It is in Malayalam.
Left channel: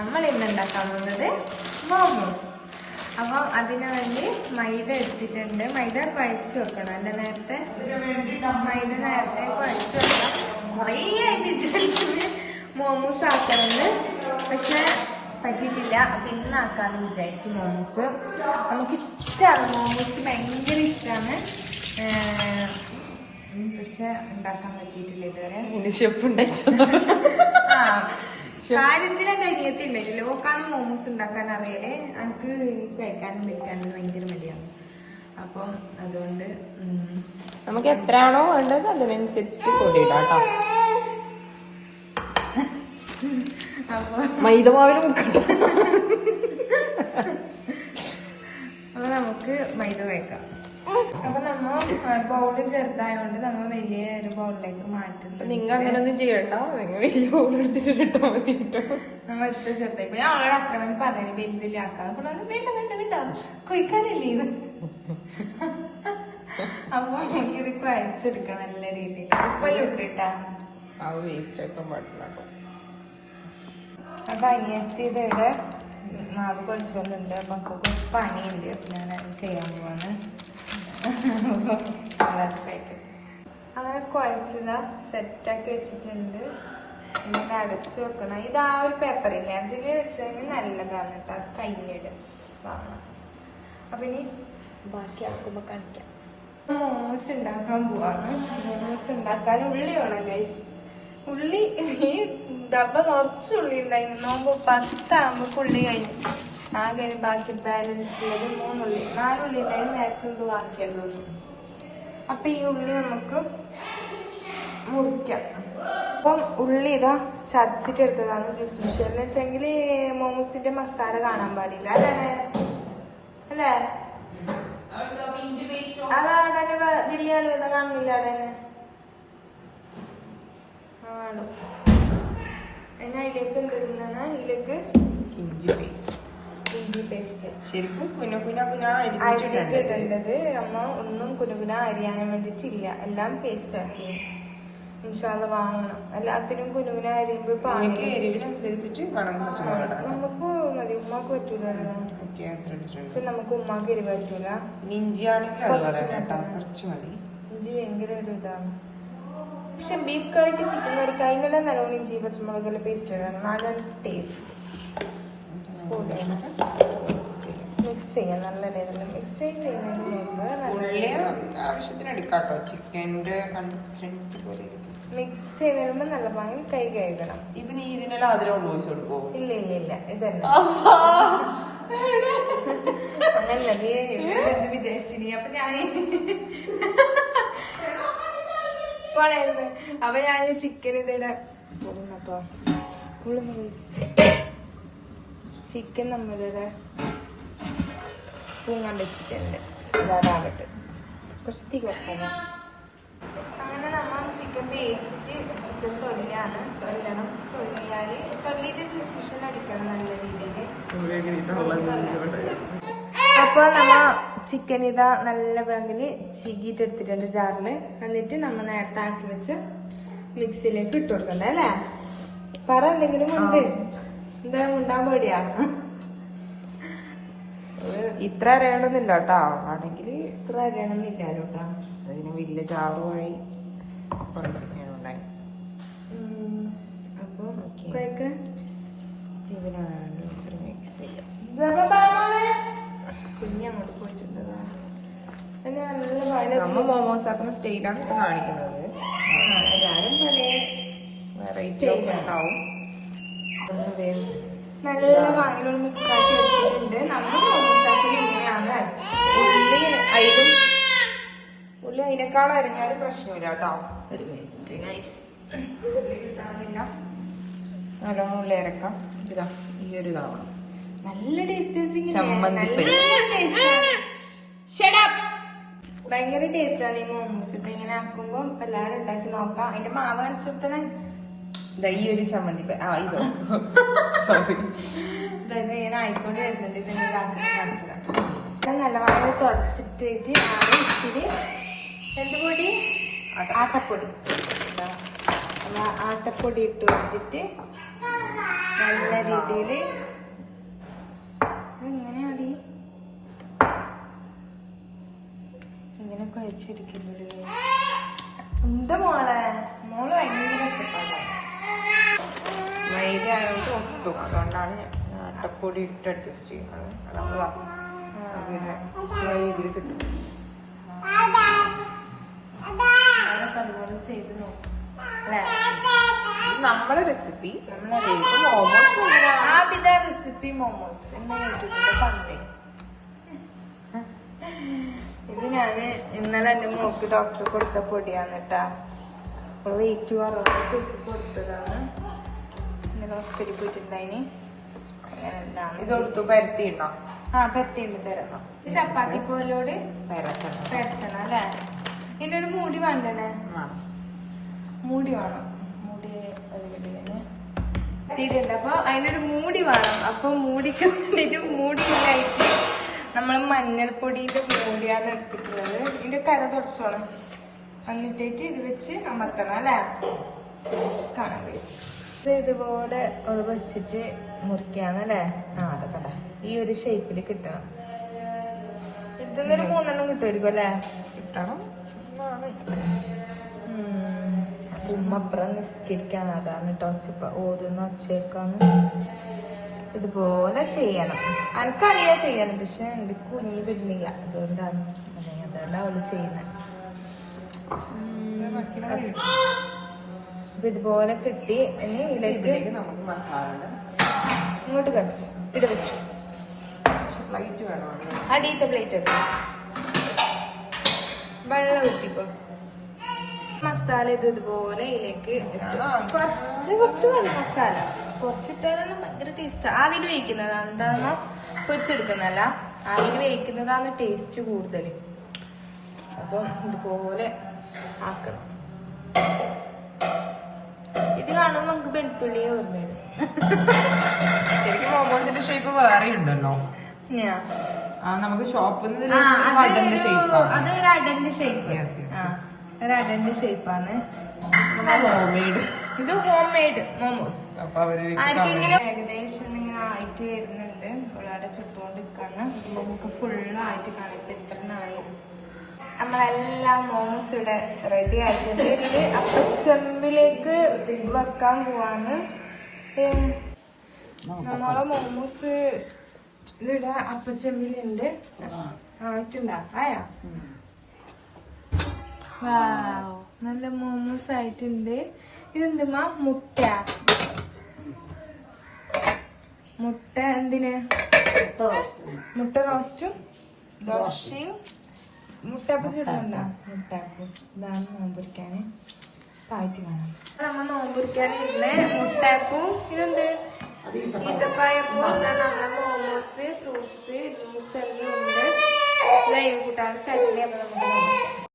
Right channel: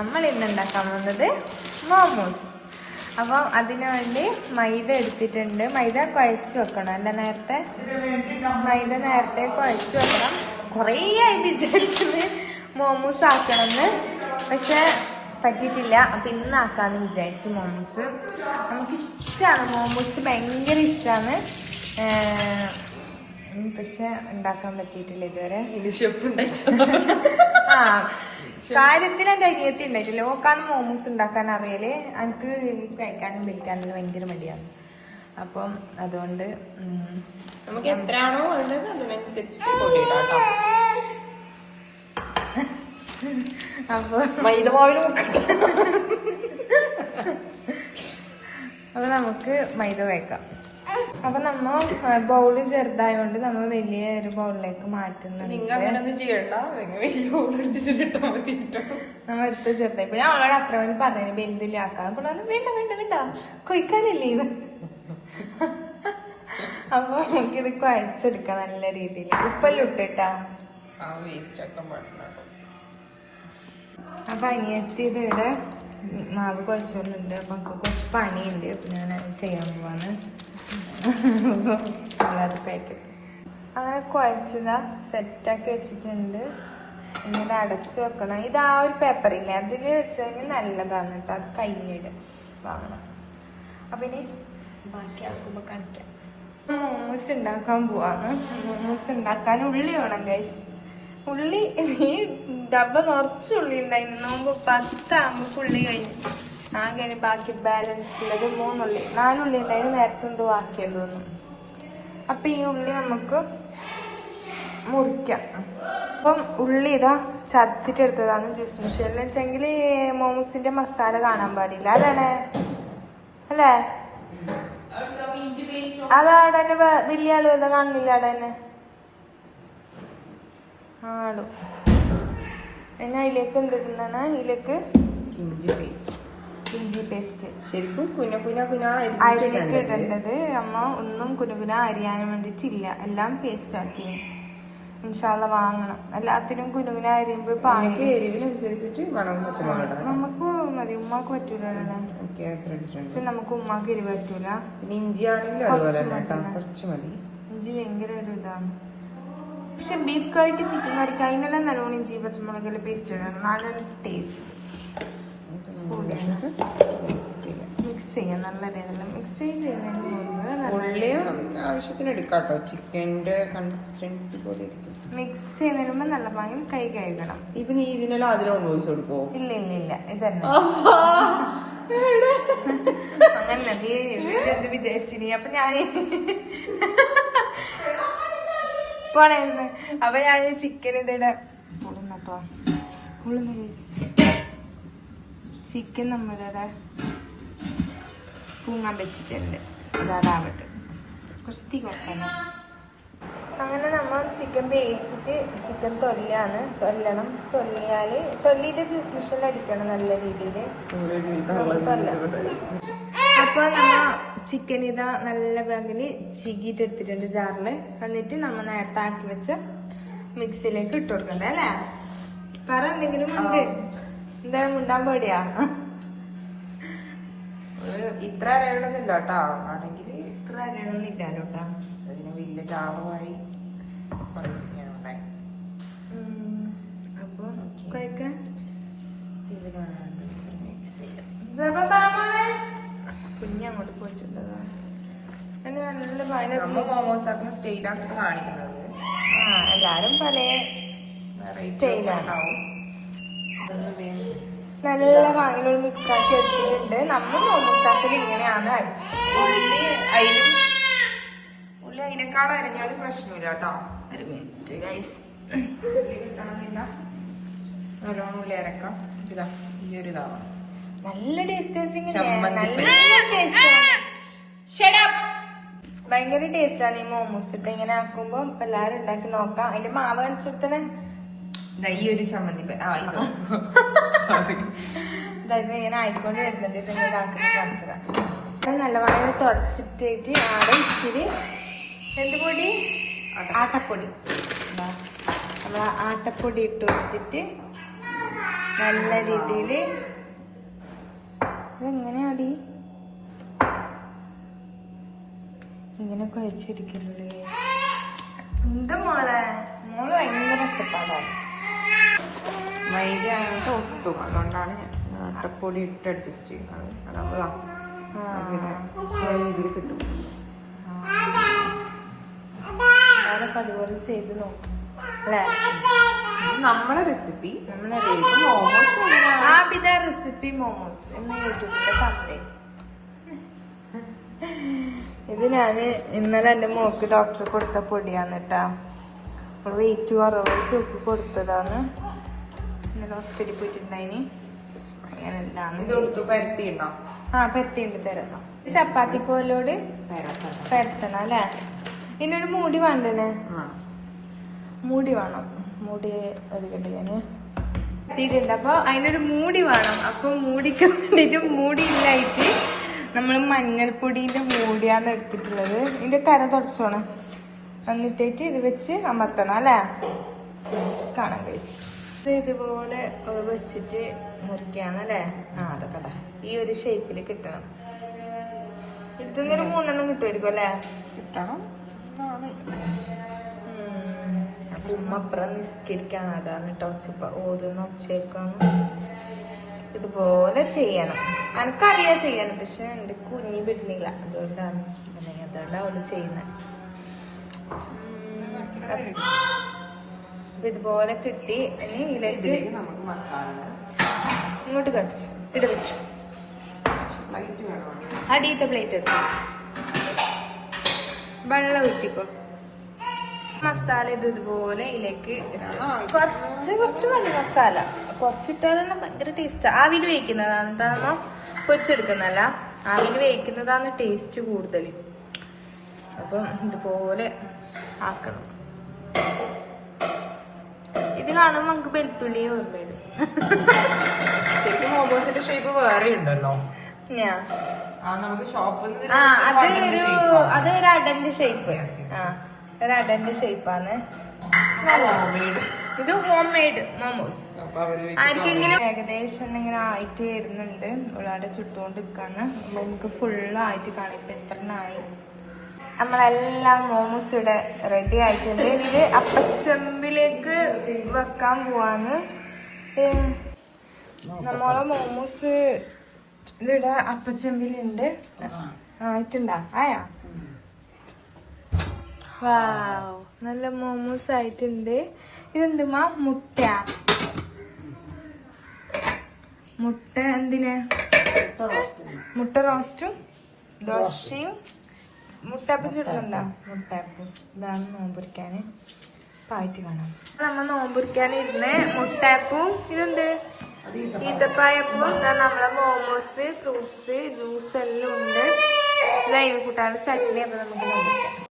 നമ്മൾ ഇന്ന് ഉണ്ടാക്കാൻ പോകുന്നത് മോമോസ്. അപ്പം അതിനുവേണ്ടി മൈദ എടുത്തിട്ടുണ്ട്. മൈദ കുഴച്ച് വെക്കണം അല്ല, നേരത്തെ മൈദ നേരത്തെ കുഴച്ച് വെക്കണം. കുറേ ആയി വിചാരിക്കുന്നത് മോമോസ് ആക്കണമെന്ന്, പക്ഷെ പറ്റിയിട്ടില്ല. അപ്പൊ ഇന്നാക്കാന്ന് വിചാരിച്ചു. മോമോസ് നമുക്ക് ഇഷ്ടമാണ്, മോമോസ് ഭയങ്കര ഇഷ്ടമാണ്. പക്ഷെ ഉണ്ടാക്കാൻ പറ്റിയിട്ടില്ല ഇതുവരെ. ആ കാര്യത്തിനൊക്കെ അരിയത്തി ഉണ്ടായിട്ടില്ല. ഓക്കാന്ന് മോമോസ് ഉണ്ടാക്കാൻ അറിയല്. എനിക്ക് കഴിക്കാനും വിൽക്കാനും ഭയങ്കര മടിയാണ്. അപ്പം അതുകൊണ്ട് നമുക്ക് എത്രയാണോ വേണ്ടത് അതിനനുസരിച്ച് അപ്പൊ അപ്പൊ നമുക്ക് മൈദ വയ്ക്കാം. അപ്പൊ നമ്മ ബൗള് ചെറുതായോണ്ട് നമ്മൾ വലിയ ഒരു ബൗളിലേക്ക് മാറ്റുന്നുണ്ട്. നമ്മൾ എടുത്ത് ചെറുതായി. ഇപ്പൊ ഞാൻ അവളോട് അത്ര വേണ്ടി പറഞ്ഞു വലുതിലാക്കാം. അപ്പൊ വേണ്ട വേണ്ട വേണ്ട കൊയ്ക്കാനല്ലേ ഇത്. അപ്പൊ നമുക്കിത് കുഴച്ചെടുക്കാം നല്ല രീതിയിൽ. ഉപ്പെല്ലാം ഇട്ടിട്ടാ. അപ്പൊ അനിയത്തി ഇതിവിടെ മാവ് കുഴച്ചൊന്നുണ്ട്. അപ്പൊ നമുക്ക് കുറച്ച് പണിയുണ്ട്. അപ്പൊ ഞാൻ അത് ചെയ്യാൻ പോവാണ്. പാക്കറ്റ് അങ്ങനെ കുഴച്ചതാ സെറ്റാക്കി വെച്ചിട്ടുണ്ട്. എന്നിട്ട് അടച്ചു വെക്കണം. ഇത് ആ ഒരു പേപ്പറില്ലേ അതിൽ വെച്ച് കഴിഞ്ഞാൽ നല്ലതാണ് കേട്ടോ. അത് കയ്യിലിട് വാങ്ങണം. അപ്പൊ ഇനി ബാക്കി ആക്കുമ്പോ കാണിക്കാം. മോമോസ് ഉണ്ടാക്കാൻ പോവാണ്. മോമോസ് ഉണ്ടാക്കാൻ ഉള്ളി വേണം ഗൈസ്. ഉള്ളി ഈ ഡബ്ബ നിറച്ച് ഉള്ളി ഉണ്ടായിരുന്നു. നോമ്പ് 10 ആകുമ്പോ ഉള്ളി കഴിഞ്ഞു. ആകെ ബാക്കി ബാലൻസ് ഉള്ളത് 3 ഉള്ളി 4 ഉള്ളി ഉണ്ടായിരുന്നു. നേരത്തെ എന്തോ ആക്കിയത് തോന്നുന്നു. അപ്പൊ ഈ ഉള്ളി നമുക്ക് മുറിക്കാം. അപ്പം ഉള്ളി ഇതാ ചതച്ചിട്ട് എടുത്തതാണ് ജ്യൂസ് മിഷനിൽ വെച്ചെങ്കിൽ മോമോസിന്റെ മസാല കാണാൻ പാടില്ല അല്ലേ അല്ലേ? അതാടെ വലിയ ആള് വന്ന കാണുന്നില്ല അവിടെ തന്നെ ആടും. പിന്നെ അതിലേക്ക് എന്തിടുന്നാണ്? ഇതിലേക്ക് ഇഞ്ചി പേസ്റ്റ് ശരിക്കും അരിഞ്ഞിട്ട് ഇടേണ്ടത്. അമ്മ ഒന്നും കുനുകുന അരിയാനും വേണ്ടിട്ടില്ല, എല്ലാം പേസ്റ്റ് ആക്കി. ഇൻഷാല്ല വാങ്ങണം. എല്ലാത്തിനും കുനുകുന അരിയുമ്പോ നമുക്ക് മതി. ഉമ്മാക്ക് പറ്റൂല, പക്ഷെ നമുക്ക് ഉമ്മാക്ക് എരിവ് പറ്റൂല. ഇഞ്ചി ഭയങ്കര ഒരു ഇതാണ്. പക്ഷെ ബീഫ് കറിക്ക് ചിക്കൻ കറിക്ക് അതിനെല്ലാം നല്ലോണം ഇഞ്ചി പച്ചമുളകെല്ലാം പേസ്റ്റ് ഇടണം. നല്ലൊരു ടേസ്റ്റ്. മിക്സ് ചെയ്യാം നല്ല രീതിയിൽ. മിക്സ് ചെയ്യുന്നതിന് മുമ്പ് മിക്സ് ചെയ്യുന്നതിന് മുമ്പ് നല്ല ഭംഗി കൈ കഴുകണം. ഇല്ല ഇല്ല ഇതന്നെ അങ്ങനെ നീ എന്ത് വിചാരിച്ചിനി? അപ്പൊ ഞാൻ പോണായിരുന്നു. അപ്പൊ ഞാൻ ചിക്കൻ ഇതിടെ പൊടുന്നപ്പോ ചിക്കൻ നമ്മളിവിടെ പൂങ്ങാൻ വെച്ചിട്ടുണ്ട്. അതാവട്ടെ കുറച്ച് തീ വെക്കണം. അങ്ങനെ നമ്മൾ ചിക്കൻ വേവിച്ചിട്ട് ചിക്കൻ തൊല്ലണം. തൊല്ലിയിട്ട് ജ്യൂസ് മിഷനിൽ അടിക്കണം നല്ല രീതിയില്. അപ്പൊ നമ്മ ചിക്കൻ ഇതാ നല്ല പാകില് ചീകിയിട്ട് എടുത്തിട്ടുണ്ട് ജാറില്. എന്നിട്ട് നമ്മ നേരത്തെ ആക്കി വെച്ച മിക്സിയിലേക്ക് ഇട്ട് കൊടുക്കണ്ട അല്ലേ? പറ എന്തെങ്കിലും ഉണ്ട്? എന്തായാലും ഉണ്ടാൻ പേടിയാ. ഇത്ര അറിയണമെന്നില്ല കേട്ടോ. ആണെങ്കിൽ ഇത്ര അറിയണമെന്നില്ലല്ലോ കേട്ടോ. അതിന് വലിയ ജാറുമായി. അപ്പൊ കഴിക്കണേ കുഞ്ഞങ്ങോട്ട് പോയിട്ടുണ്ടതാ. നല്ല മോമോസ് ആക്കുന്ന സ്റ്റൈലാണ് കാണിക്കുന്നത്. എല്ലാരും പല സ്റ്റൈലാണ്. നല്ല വാങ്ങിലുള്ള മിക്സ് ആക്കി എടുത്തിട്ടുണ്ട്. നമ്മൾ മോമോസാക്കൽ ഇങ്ങനെയാണ്. ഉള്ളി അതിനേക്കാളും അരിഞ്ഞാലും പ്രശ്നമില്ല കേട്ടോ. ഒരു മിനിറ്റ് ഗൈസ്, ഉള്ളി കിട്ടാനില്ല. നല്ലോണം ഉള്ളി അരക്കാം. ഇതാ ഈ ഒരു ഇതാവാം. നല്ല ടേസ്റ്റ്. ഭയങ്കര ടേസ്റ്റാണ് ഈ മോമോസ് ഇട്ട് ഇങ്ങനെ ആക്കുമ്പോ. എല്ലാരും ഉണ്ടാക്കി നോക്കാം. അതിന്റെ മാവ് കാണിച്ചെടുത്തന്നെ ഈ ഒരു ചമ്മന്തി ഇങ്ങനെ ആയിക്കൊണ്ട് വരുന്നുണ്ട്. ഇതെങ്ങനെ കാണിച്ചതാ. നല്ല വാങ്ങി തുടച്ചിട്ട് ആടെ ഇച്ചിരി എന്ത് പൊടി? ആട്ടപ്പൊടി. ആട്ടപ്പൊടി ഇട്ട് കൊടുത്തിട്ട് നല്ല രീതിയില് എങ്ങനെയാടി ഇങ്ങനെ കുഴച്ചെടുക്കുന്നുള്ളൂ. എന്താ മോള് ഭയങ്കര മെച്ചപ്പാടാണ്. മൈദ ആയതുകൊണ്ട് ഒട്ടും, അതുകൊണ്ടാണ് ആട്ടപ്പൊടി ഇട്ട് അഡ്ജസ്റ്റ് ചെയ്യുന്നത്. ഇതിൽ കിട്ടും. അതൊക്കെ അതുപോലെ ചെയ്ത് നോക്കും അല്ലേ? നമ്മളെ റെസിപ്പി ആബിദ റെസിപ്പി മോമോസ് എന്ന് യൂട്യൂബിൽ കണ്ടേ. ഇത് ഞാന് ഇന്നലെ എന്റെ മോക്ക് ഡോക്ടർ കൊടുത്ത പൊടിയാന്ന് കേട്ടാ. അവള് വെയിറ്റ് കുറവൊക്കെ കൊടുത്തതാണ്. ഇന്നലെ ഹോസ്പിറ്റലിൽ പോയിട്ടുണ്ടായിന്. അങ്ങനെ എല്ലാം പരത്തിയിടോ? പരത്തിണ്ട് തരണം. ചപ്പാത്തിക്കോലോട് പരത്തണം അല്ലേ? ഇതിനൊരു മൂടി വേണ്ടേ? മൂടി വേണം. മൂടി അറിയില്ല എത്തിയിട്ടുണ്ട്. അപ്പൊ അതിനൊരു മൂടി വേണം. അപ്പൊ മൂടിക്ക് വേണ്ടിട്ട് മൂടിയില്ലായിട്ട് നമ്മള് മഞ്ഞൾപ്പൊടിന്റെ മൂടിയാന്ന് എടുത്തിട്ടുള്ളത്. ഇതിന്റെ കര തുടച്ചോണം. എന്നിട്ടേറ്റ് ഇത് വെച്ച് അമർത്തണം അല്ലേ? കാണാൻ കഴിയും. ഇതുപോലെ വെച്ചിട്ട് മുറിക്കാന്നല്ലേ? അതൊക്കെ ഈ ഒരു ഷേപ്പില് കിട്ടണം. ഇതൊന്നൊരു 3 എണ്ണം കിട്ടുമായിരിക്കും അല്ലേ? കിട്ടണം. ഉമ്മപ്പുറം നിസ്കരിക്കാൻ അതാണ് കേട്ടോ. ഓതുന്ന ഒച്ചേക്കാന്ന് ഇതുപോലെ ചെയ്യണം. എനിക്കറിയാ ചെയ്യാനും, പക്ഷെ എന്റെ കുഞ്ഞി വിടുന്നില്ല. അതുകൊണ്ടാണ് അതല്ല അവള് ചെയ്യുന്നത്. അപ്പൊ ഇതുപോലെ കിട്ടി. ഇനി ഇതിലേക്ക് നമുക്ക് മസാല ഇങ്ങോട്ട് കടിച്ചു ഇട വെച്ചു. പ്ലേറ്റ് വേണോ? അടിയത്തെ പ്ലേറ്റ് എടുത്തു. വെള്ളം ഊറ്റിക്കോ. മസാല ഇതുപോലെ ഇതിലേക്ക് കുറച്ച് മതി. മസാല കുറച്ചിട്ടാലും ഭയങ്കര ടേസ്റ്റ്. ആവിയിൽ വേവിക്കുന്നതാണ് എന്താണോ പൊരിച്ചെടുക്കുന്നല്ല. ആവിയിൽ വേവിക്കുന്നതാണ് ടേസ്റ്റ് കൂടുതൽ. അപ്പം ഇതുപോലെ ആക്കണം. ഇത് കാണുമ്പോ നമുക്ക് വെളുത്തുള്ളിയെ ഓർമ്മ വരും. ശരിക്കും മോമോസിന്റെ ഷേപ്പ് വേറെ ഉണ്ടല്ലോ. നമുക്ക് ഷോപ്പിൽ അതൊരു അടന്റെ ഷേപ്പ്. ഒരു അടന്റെ ഷേപ്പാണ്. ഇത് ഹോം മെയ്ഡ് മോമോസ്. ആർക്കെങ്കിലും ഏകദേശം ഇങ്ങനെ ആയിട്ട് വരുന്നുണ്ട്. ഇവിടെ ചുട്ടുകൊണ്ട് നിൽക്കാണ്. നമുക്ക് ഫുള്ളായിട്ട് കാണാം. ഇപ്പൊ എത്രണ്ണായി. നമ്മളെല്ലാം മോമോസ് ഇവിടെ റെഡി ആയിട്ടുണ്ട്. ഇത് അപ്പച്ചമ്പിലേക്ക് വെക്കാൻ പോവാന്ന്. നമ്മളെ മോമോസ് ഇതിവിടെ അപ്പച്ചമ്പിലുണ്ട്. ആയിട്ടുണ്ടാ? ആയാ? വാവ്, നല്ല മോമോസ് ആയിട്ടുണ്ട്. ഇതെന്തുമാ? മുട്ട എന്തിന്? മുട്ട റോസ്റ്റും ദോശയും മുട്ടാപ്പം ചുടുന്നുണ്ടാ? മുട്ടാപ്പം. ഇതാണ് നോമ്പൊരിക്കാന് പായിട്ട് കാണാം. നമ്മ നോമ്പൊരിക്കാനിരുന്ന് മുട്ടാപ്പും ഇതെന്ത് ഈത്തപ്പായപ്പും നമ്മളെ മോമോസ്, ഫ്രൂട്ട്സ്, ജ്യൂസ് എല്ലാം ഉണ്ട്. ഇതായി കൂട്ടാതെ ചട്നി. അപ്പൊ നമുക്ക് നോക്കാം.